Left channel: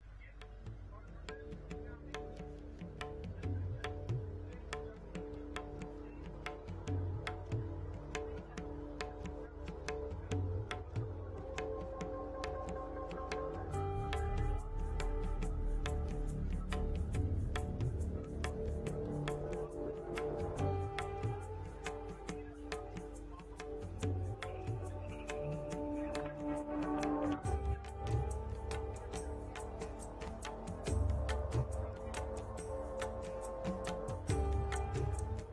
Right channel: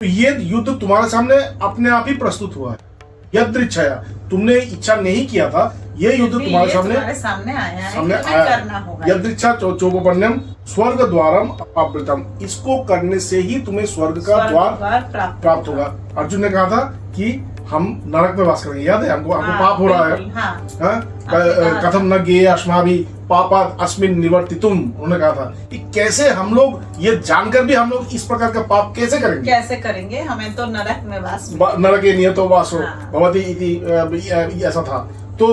तो ये युद्ध तुम्हारे सामने अपने आप ही प्रस्तुत हुआ है। यदृच्छया, तुमने इच्छा नहीं किया था, ये युद्ध तुम्हारे सामने आया है। यदृच्छा चोपपन्यम स्वर्ग द्वारम अपावृतम, इसको करने से ही तुम्हें स्वर्ग का द्वार प्राप्त होगा। अर्जुन ने कहा था कि हम नरक में वास करेंगे, याद है हमको पाप हो रहा है। कथम न गे अस्माभि पापात् अस्मिन् निवर्तितुम, उन्होंने कहा था कि कैसे हम लोग ये जानकर भी हम लोग इस प्रकार का पाप कैसे करेंगे, हमें तो नरक में वास, नरक नियतो वासो भवति इति, ऐसा था। तो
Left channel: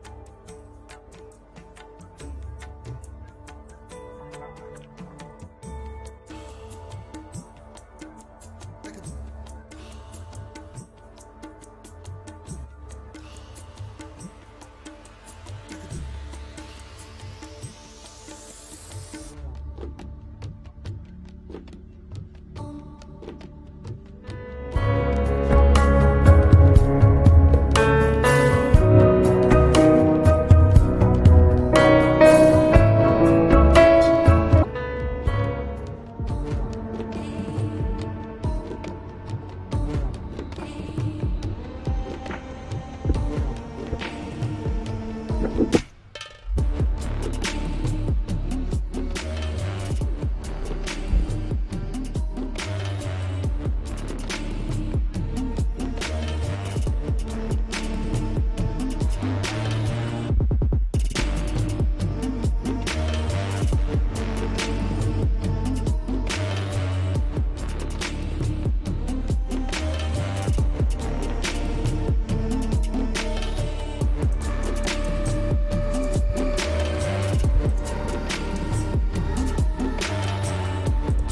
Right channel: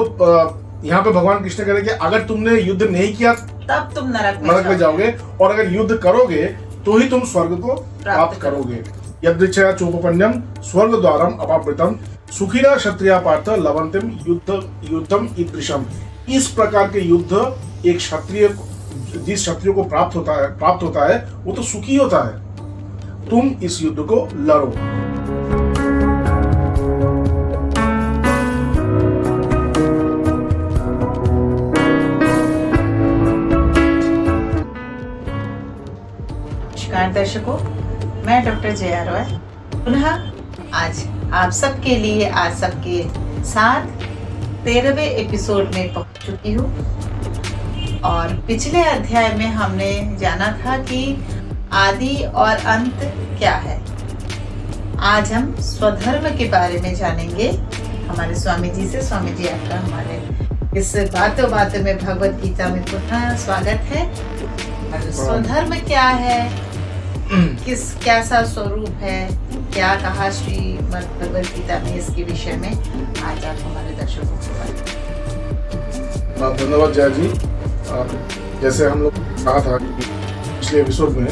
यहाँ पे भगवान कृष्ण कह रहे कि अगर तुमने युद्ध नहीं किया तब तुम नरक में जाओगे, और अगर युद्ध करोगे तो ही तुम स्वर्ग को प्राप्त करोगे। यदृच्छया चोपपन्यम स्वर्ग द्वारम अपावृतम सुखिना क्षत्रिया पार्थ लवंतिम युद्धम ईदृशम। इस प्रकार के युद्ध एक क्षत्रिय, जिस क्षत्रिय को प्राप्त होता है वो तो सुखी होता है। तुम इस युद्ध को लड़ो। दर्शकों, मैं डॉक्टर जया रॉय पुनः आज आप सबके लिए आज सबके साथ 13वें एपिसोड में पहुंच चुकी हूँ। और पिछले अध्याय में हमने जाना था कि आदि और अंत क्या है। आज हम स्वधर्म के बारे में जानेंगे हमारे स्वामी जी से। स्वामी जी, आपका हमारे इस बातों में भगवत गीता में पुनः स्वागत है। स्वधर्म क्या है, कैसा स्वरूप है, क्या कहा श्रीमद् भगवद गीता में, इसके विषय में आज आप हमारे दर्शकों को बताएं। धन्यवाद जया जी। जैसे हम लोग कहा था पिछले एपिसोड में,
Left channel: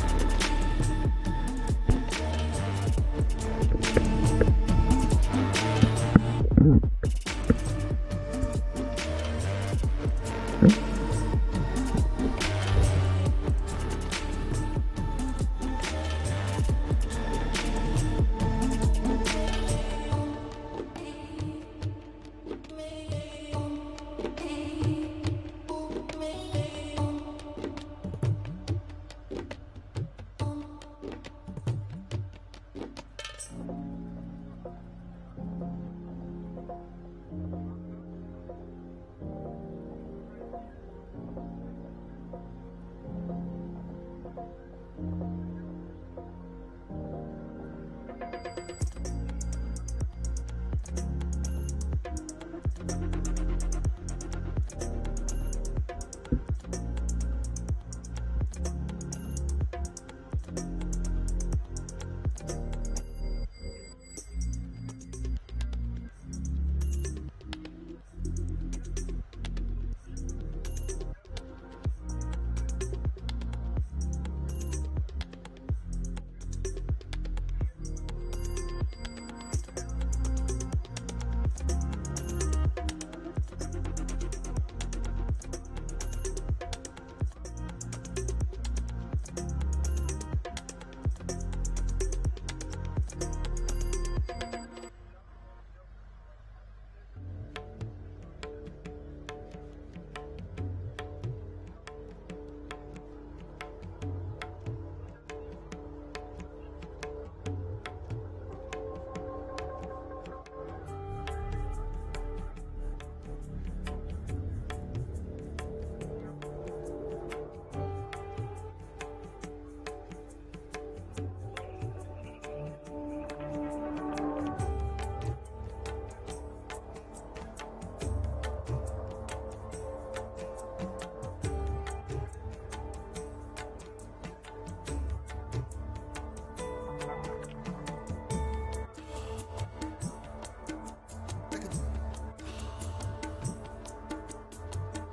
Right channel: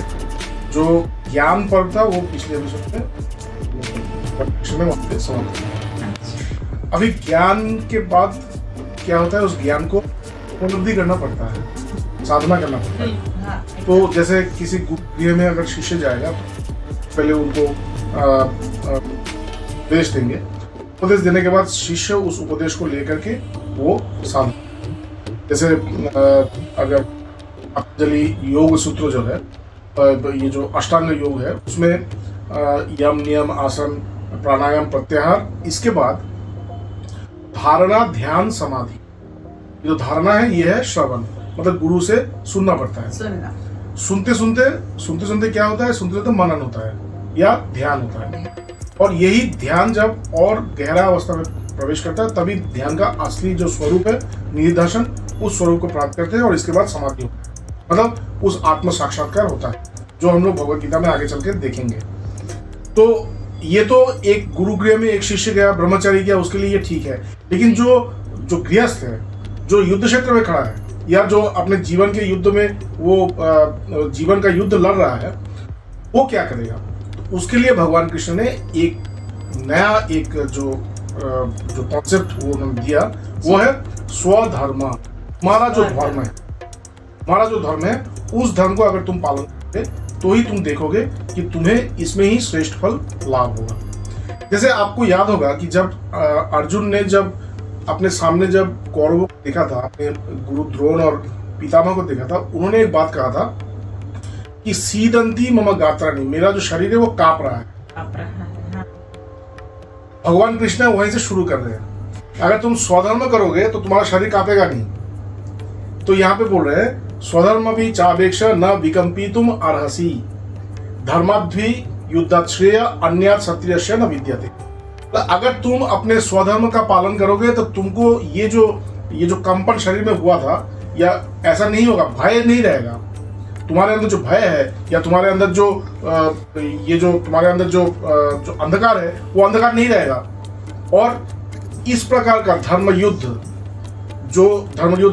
जो ज्ञान पर्व था वो पिछले एपिसोड में समझ। अभी ज्ञान के बाद क्या होता है, उस ज्ञान को उपलब्धि करना पड़ता है, साधना करना पड़ता है। तो जैसे किसी गृह में अगर शिष्य जाएगा, पहले उनको उपदेश देंगे, उपदेश देने के बाद शिष्य उस उपदेश को लेकर के वो साधना, जैसे अगर पतंजलि योग सूत्र जो है, ये जो अष्टांग योग है, उसमें यम नियम आसन प्राणायाम प्रत्याहार, इसके बाद धारणा ध्यान समाधि। जो धारणा है ये है श्रवण, मतलब गुरु से सुनना पड़ता है। सुनते सुनते क्या होता है, सुनते मनन होता है या ध्यान होता है। और यही ध्यान जब और गहरा अवस्था में प्रवेश करता है, तभी ध्यान का असली जो स्वरूप है निधिध्यासन, उस स्वरूप को प्राप्त करते हैं। और इसके बाद समाधि होता है, मतलब उस आत्म साक्षात्कार होता है, जो हम लोग भगवद गीता में आगे चल के देखेंगे। तो ये तो एक गुरुगृह में एक शिष्य गया, ब्रह्मचारी गया, उसके लिए ये ठीक है। लेकिन जो गृहस्थ है, जो युद्ध क्षेत्र में खड़ा है, या जो अपने जीवन के युद्ध में वो जीवन का युद्ध लड़ रहा है, वो क्या करेगा? तो उसके लिए भगवान कृष्ण ने एक नया जो कॉन्सेप्ट वो दिया, वो है स्वधर्म। हमारा जो धर्म है, उस धर्म को अगर तुम पालन करोगे तो ही तुम देखोगे कि तुम्हें इसमें ही श्रेष्ठ फल लाभ होगा। जैसे आपको याद होगा कि जब अर्जुन ने जब अपने सामने जब कौरवों को देखा था, अपने गुरु द्रोण और पितामह को देखा था, उन्होंने एक बात कहा था कि सीदंती मम गात्राणि, मेरा जो शरीर है वो कांप रहा है। भगवान कृष्ण वहीं से शुरू कर रहे हैं। अगर तुम स्वधर्म करोगे तो तुम्हारा शरीर कांपेगा नहीं। तो यहाँ पे बोल रहे हैं स्वधर्म भी चापेक्ष न विकंपितुम अर्हसि धर्माद्वी युद्धाश्रेय अन्यात् क्षत्रियस्य न विद्यते। अगर तुम अपने स्वधर्म का पालन करोगे तो तुमको ये जो कंपन शरीर में हुआ था, या ऐसा नहीं होगा, भय नहीं रहेगा। तुम्हारे अंदर जो भय है, या तुम्हारे अंदर जो तुम्हारे अंदर जो अंधकार है, वो अंधकार नहीं रहेगा। और इस प्रकार का धर्म युद्ध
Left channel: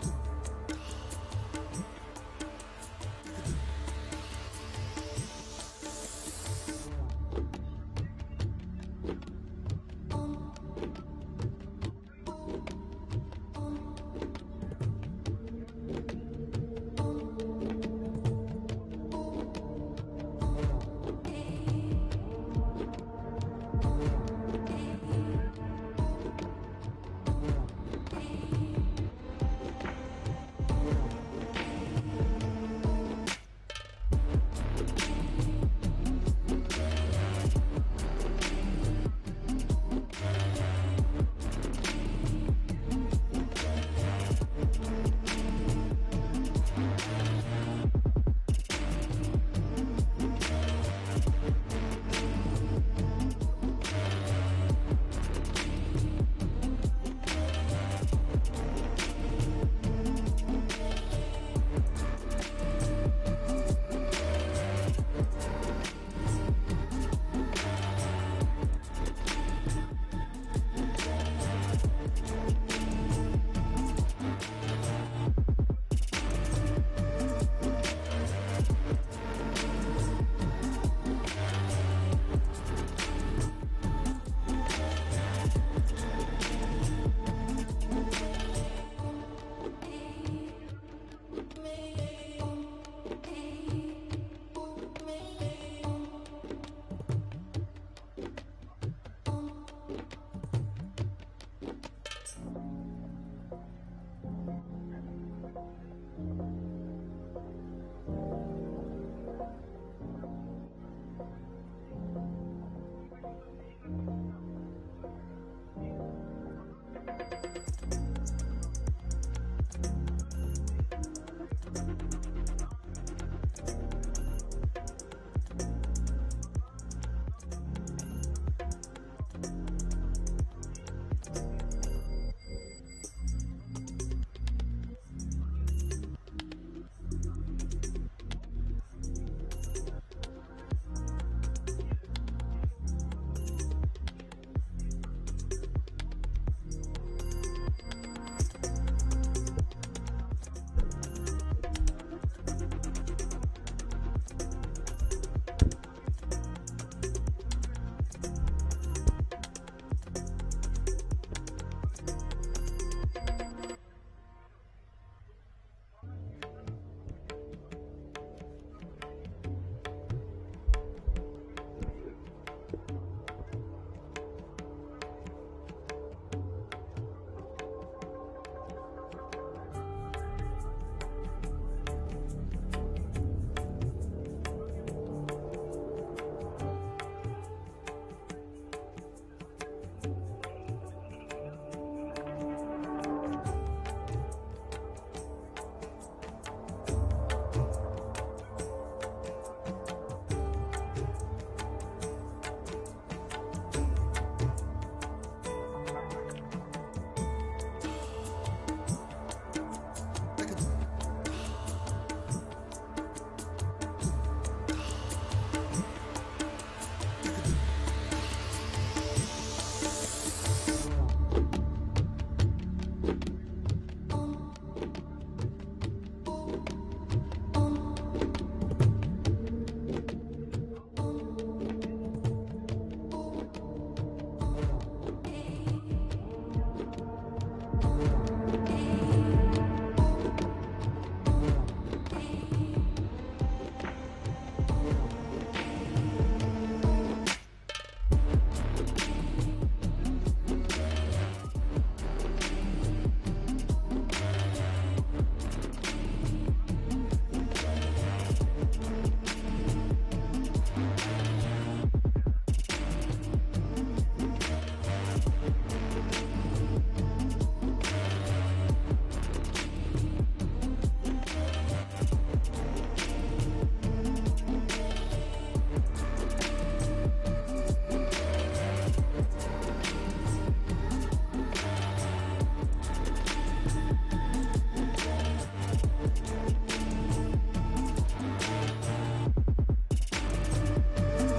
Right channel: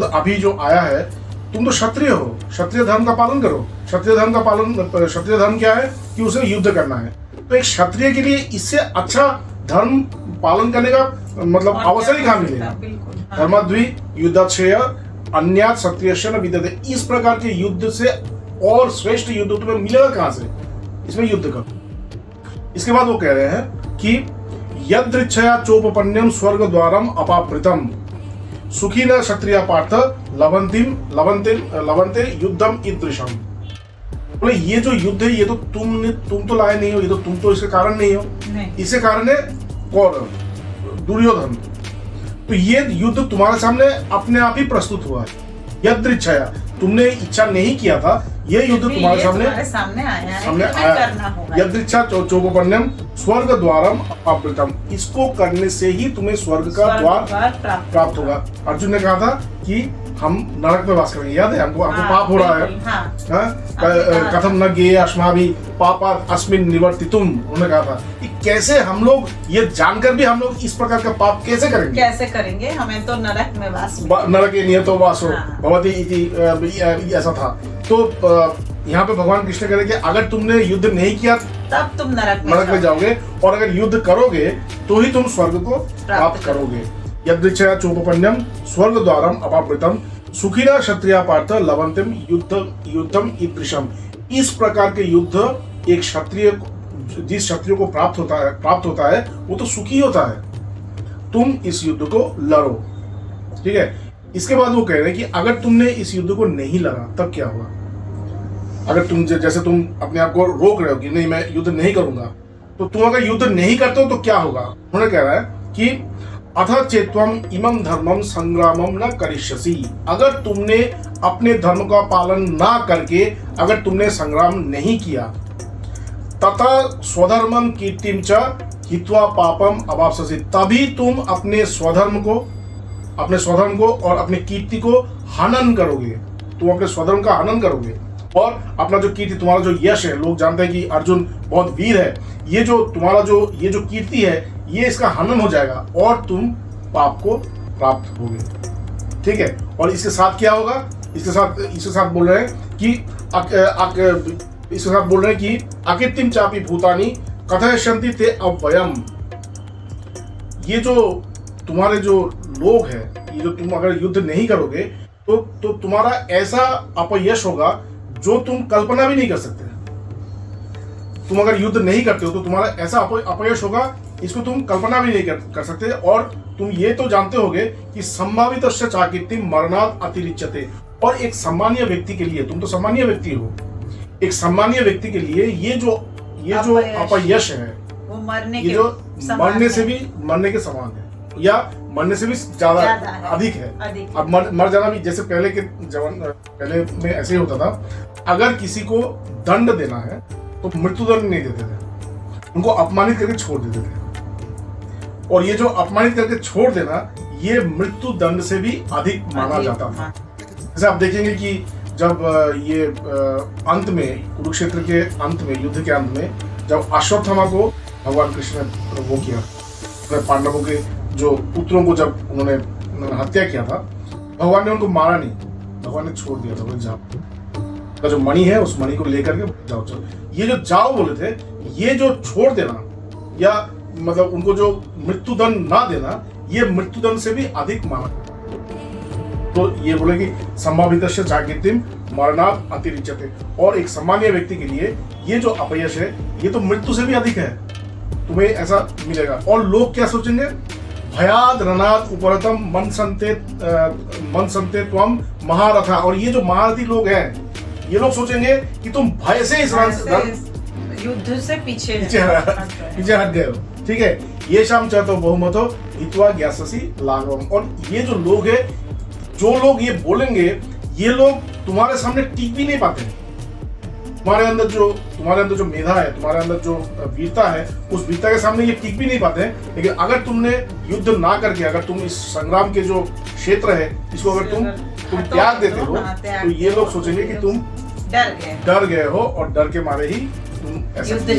अभी जो आया है, तुम तो क्षत्रिय हो, क्षत्रिय धर्म का पालन करो। क्षत्रिय धर्म क्या है कि उसे युद्ध करना है। तो एक क्षत्रिय के लिए इससे अच्छा धर्म पालन करने का मतलब अवसर ही कहाँ मिलेगा। धर्माद्वी युद्धाश्रेय अन्यात् क्षत्रियस्य न विद्यते। इस प्रकार के युद्ध से और श्रेष्ठ युद्ध तुम्हें मिलेगा कहाँ से? इसमें युद्ध करो। इसके बाद वो कह रहे हैं कि यदृच्छया चोपपन्यम स्वर्ग द्वारम अपावृतम सुखिना क्षत्रिया पार्थ लवंते युद्धम ईदृशम। बोले ये जो युद्ध है ये तो तुम तो लाए नहीं हो, ये तो तुम तो इसके कारण नहीं हो, इसके कारण है कौरव, दुर्योधन। तो ये युद्ध तुम्हारे सामने अपने आप ही प्रस्तुत हुआ है, यदृच्छया, तुमने इच्छा नहीं किया था, ये युद्ध तुम्हारे सामने आया। यदृच्छा चोपपण्यम स्वर्ग द्वारम अपावृतम, इसको करने से ही तुम्हें स्वर्ग का द्वार प्राप्त होगा। अर्जुन ने कहा था कि हम नरक में वास करेंगे, याद है हमको पाप हो रहा है, कथम न गे अस्माभि पापा अस्मिन् निवर्तितुम, उन्होंने कहा था कि कैसे हम लोग ये जानकर भी हम लोग इस प्रकार का पाप कैसे करेंगे, हमें तो नरक में वास, नरक नियतो वासो भवति इति, ऐसा था। तो यहाँ पे भगवान कृष्ण कह रहे कि अगर तुमने युद्ध नहीं किया तब तुम नरक में जाओगे, और अगर युद्ध करोगे तो ही तुम स्वर्ग को प्राप्त करोगे। यदृच्छया चोपपण्यम स्वर्ग द्वारम अपावृतम सुखिना क्षत्रिया पार्थ लवंतिम युद्धम ईदृशम, इस प्रकार के युद्ध एक क्षत्रिय, जिस क्षत्रिय को प्राप्त होता है वो तो सुखी होता है। तुम इस युद्ध को लड़ो, ठीक है। इसके बाद वो कह रहे हैं कि अगर तुमने इस युद्ध को नहीं लड़ा तब क्या होगा। अगर तुम जैसे तुम अपने आप को रोक रहे हो कि नहीं मैं युद्ध नहीं करूंगा, तो तुम अगर युद्ध नहीं करते हो तो क्या होगा। उन्होंने कह रहा है कि अथ चेत्वम इमं धर्मम संग्रामम न करिष्यसि, अगर तुमने अपने धर्म का पालन ना करके अगर तुमने संग्राम नहीं किया, तथा स्वधर्मम कीर्तिम च हित्वा पापम अवाप्स्यसि, तभी तुम अपने स्वधर्म को और अपने कीर्ति को हनन करोगे, तुम अपने स्वधर्म का हनन करोगे, और अपना जो कीर्ति, तुम्हारा जो यश है, लोग जानते हैं कि अर्जुन बहुत वीर है, ये जो तुम्हारा ये जो कीर्ति है ये इसका हनन हो जाएगा और तुम पाप को प्राप्त होगे, ठीक है। और इसके साथ क्या होगा, इसके साथ बोल रहे हैं कि अकीर्तिम चापि भूतानि कथयिष्यन्ति ते अव्ययम, ये जो तुम्हारे जो लोग हैं, ये जो तुम अगर युद्ध नहीं करोगे तो तुम्हारा ऐसा अपयश होगा जो तुम कल्पना भी नहीं कर सकते। तुम अगर युद्ध नहीं करते हो तो तुम्हारा ऐसा अपयश होगा, इसको तुम कल्पना भी नहीं कर सकते। और तुम ये तो जानते होगे कि संभावितस्य चाकीर्ति मरणात् अतिरिच्यते, और एक सामान्य व्यक्ति के लिए, तुम तो सामान्य व्यक्ति हो, एक सामान्य व्यक्ति के लिए ये जो अपयश है वो मरने के समान है, या मरने से भी ज्यादा अधिक है। अब मर जाना भी, जैसे पहले में ऐसे ही होता था, अगर किसी को दंड देना है तो मृत्युदंड नहीं देते थे, उनको अपमानित करके छोड़ देते थे, और ये जो अपमानित करके छोड़ देना ये मृत्यु दंड से भी अधिक माना जाता था। जैसे आप देखेंगे कि जब ये अंत में, कुरुक्षेत्र के अंत में, युद्ध के अंत में, जब अश्वत्थामा को भगवान कृष्ण ने वो किया, पांडवों के जो पुत्रों को जब उन्होंने हत्या किया था, भगवान ने उनको मारा नहीं, भगवान ने छोड़ दिया था, वो जाओ, का जो मणि है उस मणि को लेकर के जाओ। ये जो जाओ बोले थे, ये जो छोड़ देना, या मतलब उनको जो मृत्युदंड ना देना, ये मृत्युदंड से भी अधिक माना। तो ये बोले कि संभावितस्य चाकीर्तिम मरणात् अतिरिच्यते, और एक सामान्य व्यक्ति के लिए ये जो अपयश है ये तो मृत्यु से भी अधिक है, तुम्हें ऐसा मिलेगा। और लोग क्या सोचेंगे, भयाद रणात् उपरतम मन संते त्वम महारथा, और ये जो महारथी लोग हैं ये लोग सोचेंगे कि तुम भय से इस युद्ध से पीछे हट गए हो, ठीक है। ये शाम चाहते बहुमतो हित्वा ज्ञास्यसि लाघवम, और ये जो लोग है, जो लोग ये बोलेंगे, ये लोग तुम्हारे सामने टिक भी नहीं पाते। तुम्हारे अंदर जो मेधा है, तुम्हारे अंदर जो वीरता है, उस वीरता के सामने ये टिक भी नहीं पाते हैं। लेकिन अगर तुमने युद्ध ना करके, अगर तुम इस संग्राम के जो क्षेत्र है इसको अगर तुम त्याग देते हो, तो ये लोग सोचेंगे कि तुम डर गए हो, और डर के मारे ही तुम ऐसे किए।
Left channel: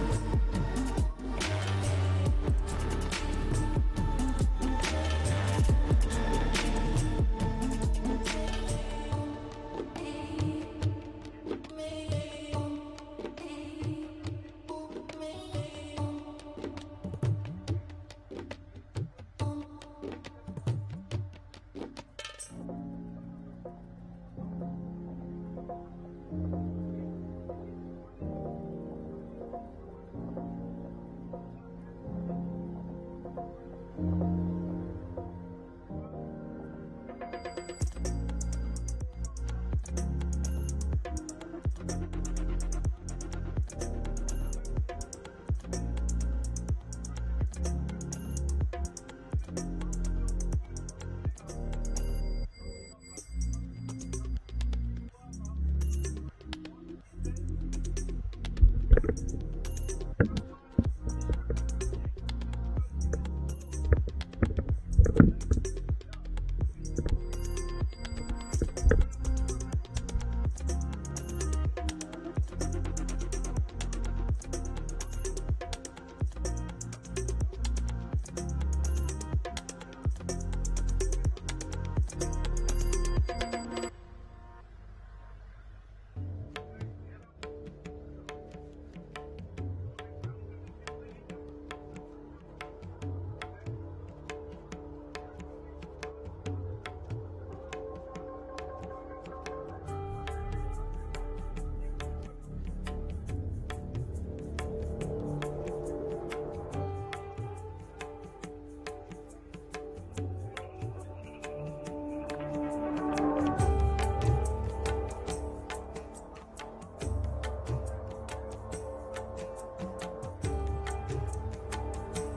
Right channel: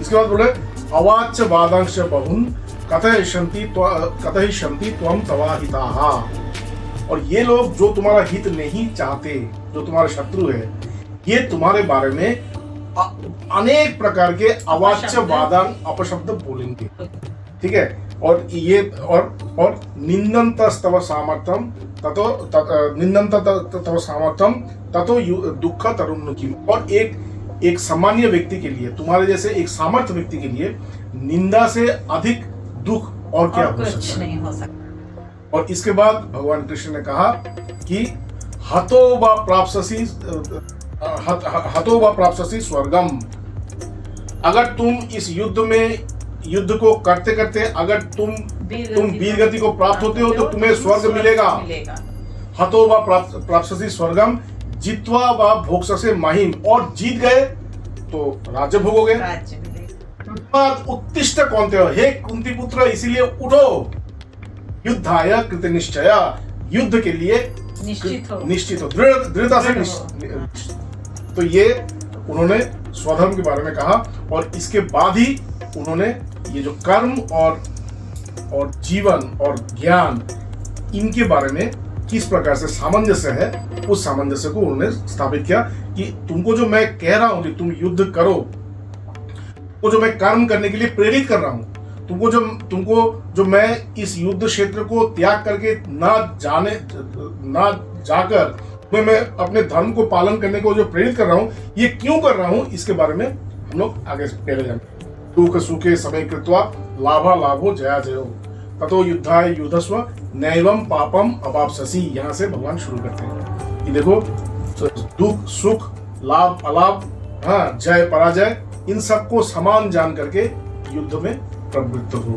इसके बाद बोले अवाच्य वादांश बहुन कथयिष्यन्ति त्वं तवाहिताः, और ये लोग जो तुम्हारा हित नहीं चाहते, जो तुम्हारे शत्रु है, ये तुम्हारे बारे में अनेक प्रकार के अवाच्य वादान अपशब्द बोलेंगे, ठीक है। और ये और निंदन्तस्तव सामर्थ्यम ततो दुःख तरुन्मुखी, और एक सामान्य व्यक्ति के लिए, तुम्हारे जैसे एक सामर्थ्य व्यक्ति के लिए निंदा से अधिक दुख और क्या हो सकता है। और इसके बाद भगवान कृष्ण ने कहा कि हतो वा प्राप्स्यसि स्वर्गम। अगर तुम इस युद्ध को करते करते अगर तुम वीर गति को प्राप्त होते हो तो तुम्हें स्वर्ग मिलेगा। हतो वा प्राप्स्यसि स्वर्गम जित्वा वा भोक्ष्यसे महिम। और जीत गए तो राज्य भोगोगे। उत्तिष्ठ कौन्तेय, हे कुंती पुत्र इसीलिए उठो। युद्धाय कृत निश्चय, युद्ध के लिए निश्चित हो, दृढ़ता से निश्चित। तो ये उन्होंने स्वधर्म के बारे में कहा और इसके बाद ही उन्होंने ये जो कर्म और जीवन और ज्ञान इनके बारे में किस प्रकार से सामंजस्य है, उस सामंजस्य को उन्होंने स्थापित किया कि तुमको जो मैं कह रहा हूं कि तुम युद्ध करो, वो जो मैं कर्म करने के लिए प्रेरित कर रहा हूं, तुमको जो मैं इस युद्ध क्षेत्र को त्याग करके ना जाकर तुम्हें मैं अपने धर्म को पालन करने को जो प्रेरित कर रहा हूं, ये क्यों कर रहा हूं, इसके बारे में हम लोग आगे पहले जाएंगे। दुख सुखे समय कृत्वा लाभा लाभो जया जयो ततो युद्धाय युद्धस्व नैवम पापम अवाप्स्यसि। यहाँ से भगवान शुरू करते हैं कि देखो दुख सुख लाभ अलाभ, हाँ, जय पराजय, इन सबको समान जान करके युद्ध में प्रवृत्त हो,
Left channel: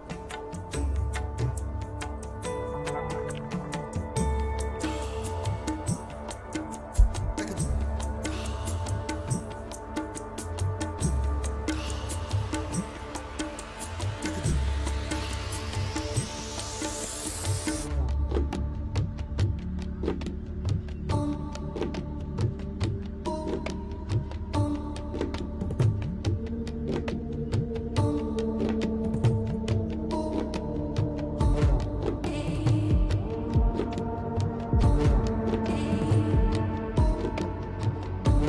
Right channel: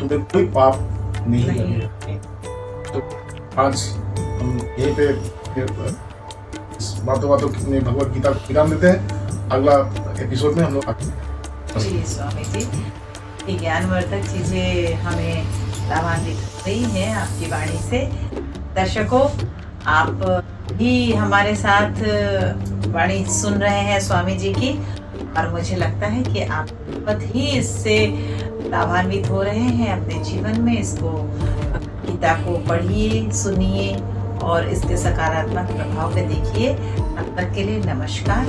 तुम्हें कोई पाप नहीं लगेगा। तो आज हम यहीं पे बातों में भगवत गीता को विराम देते हैं। अगला एपिसोड में हम लोग जी स्वामी जी, ये ज्ञानवर्धक चीजें हमें लाभान्वित रही है आपकी वाणी से। दर्शकों, आप भी हमारे साथ वाणी सुन रहे हैं स्वामी जी की, और मुझे लगता है कि आप बहुत ही इससे लाभान्वित हो रहे हैं अपने जीवन में। इसको गीता को पढ़िए, सुनिए और इसके सकारात्मक प्रभाव को देखिए। तब तक के लिए नमस्कार।